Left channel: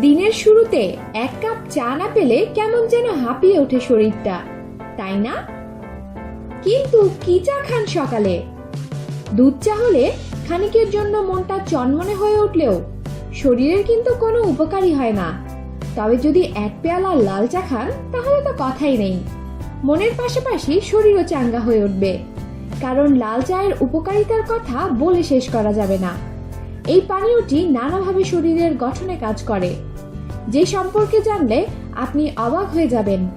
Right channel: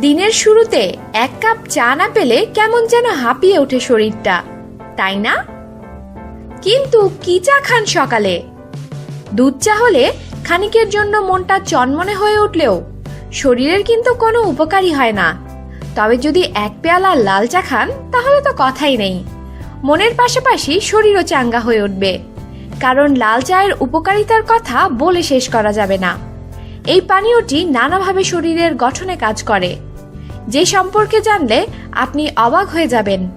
দিনের শুরুতে এক কাপ চা না পেলে কেমন যেন হাঁপিয়ে ওঠে শরীরটা, তাই না? কিন্তু কি চা খান সকালে? দুধ চা হলে খানিকের জন্য মনটা চনমনে হয়ে উঠলেও শরীরের কিন্তু কোনো উপকারই হয় না। তবে যদি এক পেয়ালা লাল চা খান, তাহলে তো কথাই নেই। মনের পাশাপাশি শরীরও চাঙ্গা হয়ে উঠবে। কারণ লাল চায়ের উপকারিতার কথা বলে শেষ করা যাবে না। এই পানীয়টি নানাভাবে শরীরের গঠনে কাজ করে। যে সম্পর্কে জানলে আপনি অবাক হয়ে যাবেন।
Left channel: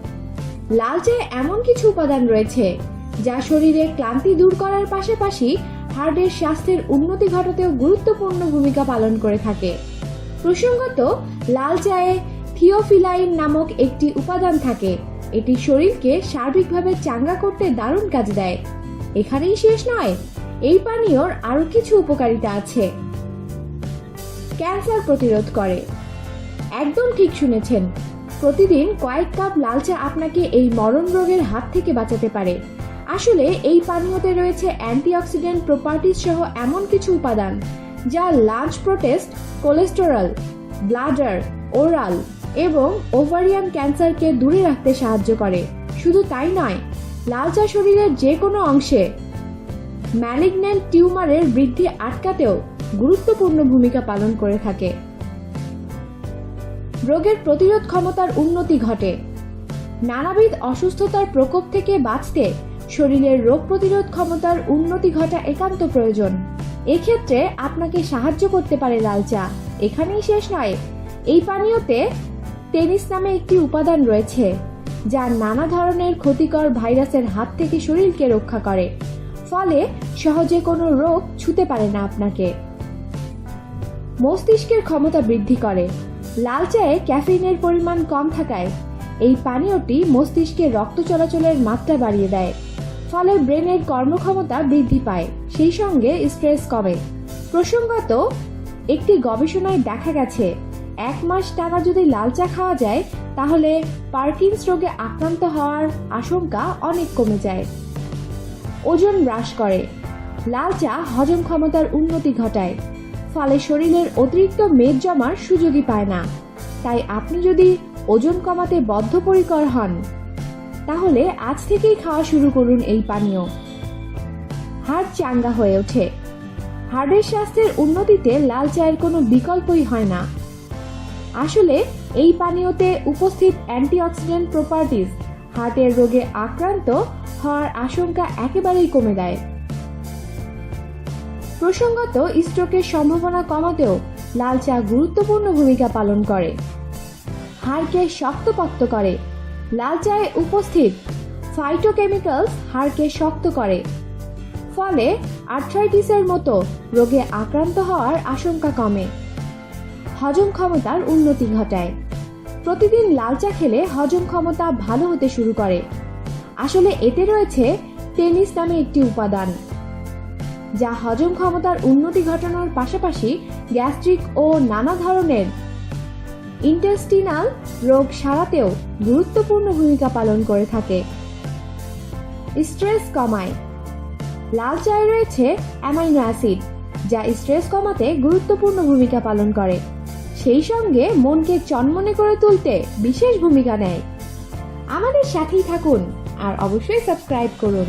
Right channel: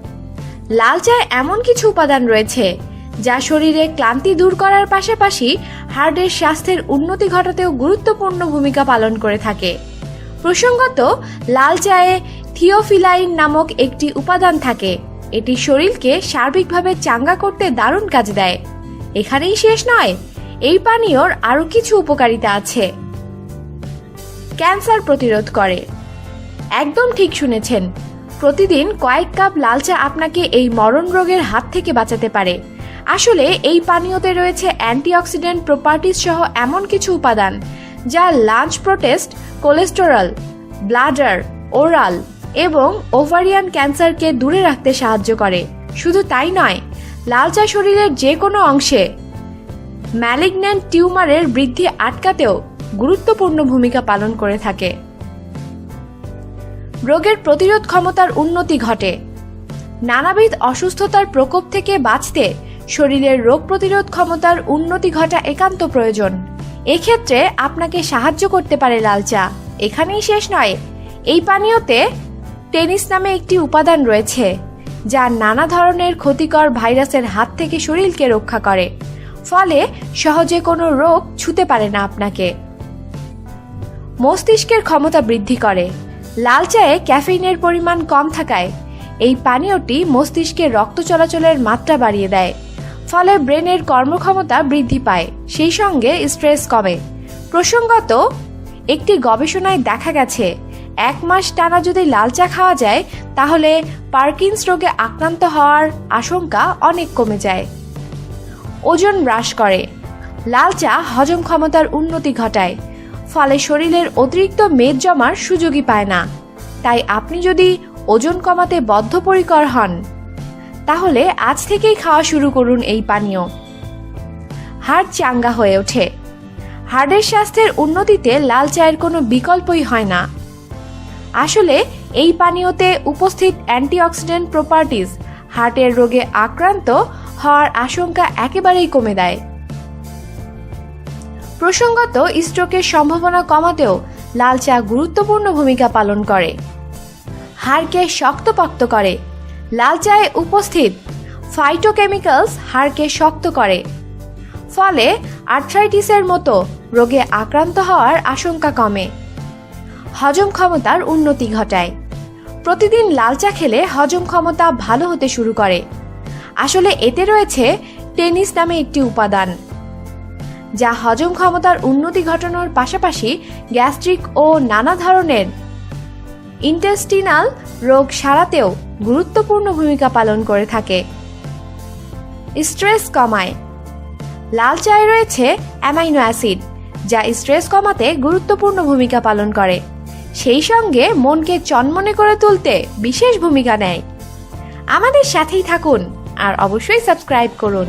লাল চায় এমন কিছু উপাদান রয়েছে, যা শরীরে ক্লান্তি দূর করার পাশাপাশি হার্টের স্বাস্থ্যের উন্নতি ঘটাতেও গুরুত্বপূর্ণ ভূমিকা পালন করে থাকে। প্রসঙ্গত, লাল চায়ে থিওফিলাইন নামক একটি উপাদান থাকে। এটি শরীরকে সার্বিকভাবে চাঙ্গা করতে দারুণ কাজ দেয়। এখানেই শেষ নয়, এই পানীয়র আরও কিছু উপকারিতা আছে। ক্যান্সার প্রতিরোধ করে। একদম ঠিক শুনেছেন। প্রতিদিন কয়েক কাপ লাল চা আপনাকে এই মরণ রোগের হাত থেকে বাঁচাতে পারে। আসলে এই পানীয়তে রয়েছে অ্যান্টিঅক্সিডেন্ট প্রপার্টিজ সহ এমন কিছু উপাদান, যা lung prostate, cholesterol, bladder, oral এবং ওভারিয়ান ক্যান্সারকে দূরে রাখতে সাহায্য করে। শুধু তাই নয়, লাল চা শরীরের যে কোনো অংশে ম্যালিগন্যান্ট টিউমারের বৃদ্ধি আটকাতেও গুরুত্বপূর্ণ ভূমিকা পালন করে থাকে। রোগের প্রতিরোধ ক্ষমতার উন্নতি ঘটে। নানাবিধ অসুস্থতার প্রকোপ থেকে বাঁচতে শরীরের রোগ প্রতিরোধ ক্ষমতার উন্নতি ঘটা একান্ত প্রয়োজন। এক্ষেত্রে আপনাকে সাহায্য করতে পারে লাল চা এখানেই শেষ নয়। এই পানীয়তে টেনিস নামে একটি উপাদান রয়েছে, যা নানা ধরনের ক্ষতিকর ভাইরাসের হাত থেকে শরীরকে রক্ষা করে। ফলে সহজে কোনো রোগ ছুতে পারে না আপনাকে। মস্তিষ্কের ক্ষমতা বৃদ্ধি করে। লাল চায়ে ক্যাফেইনের পরিমাণ কম থাকায় এই পানীয়টি মস্তিষ্কে রক্ত চলাচলের মাত্রা বাড়িয়ে দেয়, ফলে ব্রেনের কর্মক্ষমতা বৃদ্ধি পায়, সেই সঙ্গে স্ট্রেস কমে। প্রসঙ্গত, একটি গবেষণায় দেখা গেছে, এক মাস টানা যদি লাল চা খাওয়া যায়, তাহলে পার্কিন্স রোগে আক্রান্ত হওয়ার আশঙ্কা অনেক কমে যায়। ওজন হ্রাস করে। লাল চা হজম ক্ষমতার উন্নতি ঘটায় ফলে শরীরের অতিরিক্ত মেদ জমার সুযোগই পায় না। তাই আপনি যদি ওজন কমাতে বদ্ধপরিকর হন, তাহলে আজ থেকেই খাওয়া শুরু করুন এই পানীয়। হাড় চাঙ্গা হয়ে ওঠে। হাড়ের স্বাস্থ্যের উন্নতিতে লাল চায়ের কোনো বিকল্পই হয় না। আসলে এই পানীয়তে উপস্থিত অ্যান্টিঅক্সিডেন্ট প্রপার্টিজ হার্টের রোগে আক্রান্ত হওয়ার আশঙ্কা একেবারেই কমে দেয়। প্রসঙ্গত, স্ট্রোকের সম্ভাবনা কমাতেও লাল চা গুরুত্বপূর্ণ ভূমিকা পালন করে। হাড়কে শক্তপোক্ত করে। লাল চায়ে উপস্থিত ফাইটোকেমিক্যালস হাড়কে শক্ত করে। ফলে আর্থ্রাইটিসের মতো রোগে আক্রান্ত হওয়ার আশঙ্কা কমে। হজম ক্ষমতার উন্নতি ঘটায়। প্রতিদিন লাল চা খেলে হজম ক্ষমতা ভালো হতে শুরু করে। আসলে এতে রয়েছে টেনিস নামে একটি উপাদান। যা হজম ক্ষমতার উন্নতি ঘটানোর পাশাপাশি গ্যাস্ট্রিক ও নানা ধরনের ইন্টেস্টিনাল রোগ সারাতেও গুরুত্বপূর্ণ ভূমিকা পালন করে থাকে। স্ট্রেস কমায়। লাল চায়ে রয়েছে অ্যামাইনো অ্যাসিড, যা স্ট্রেস কমাতে গুরুত্বপূর্ণ ভূমিকা পালন করে। সেই সঙ্গে মনকে চনমনে করে তুলতে বিশেষ ভূমিকা নেয়। আমাদের সাথেই থাকুন আর অবশ্যই সাবস্ক্রাইব করুন।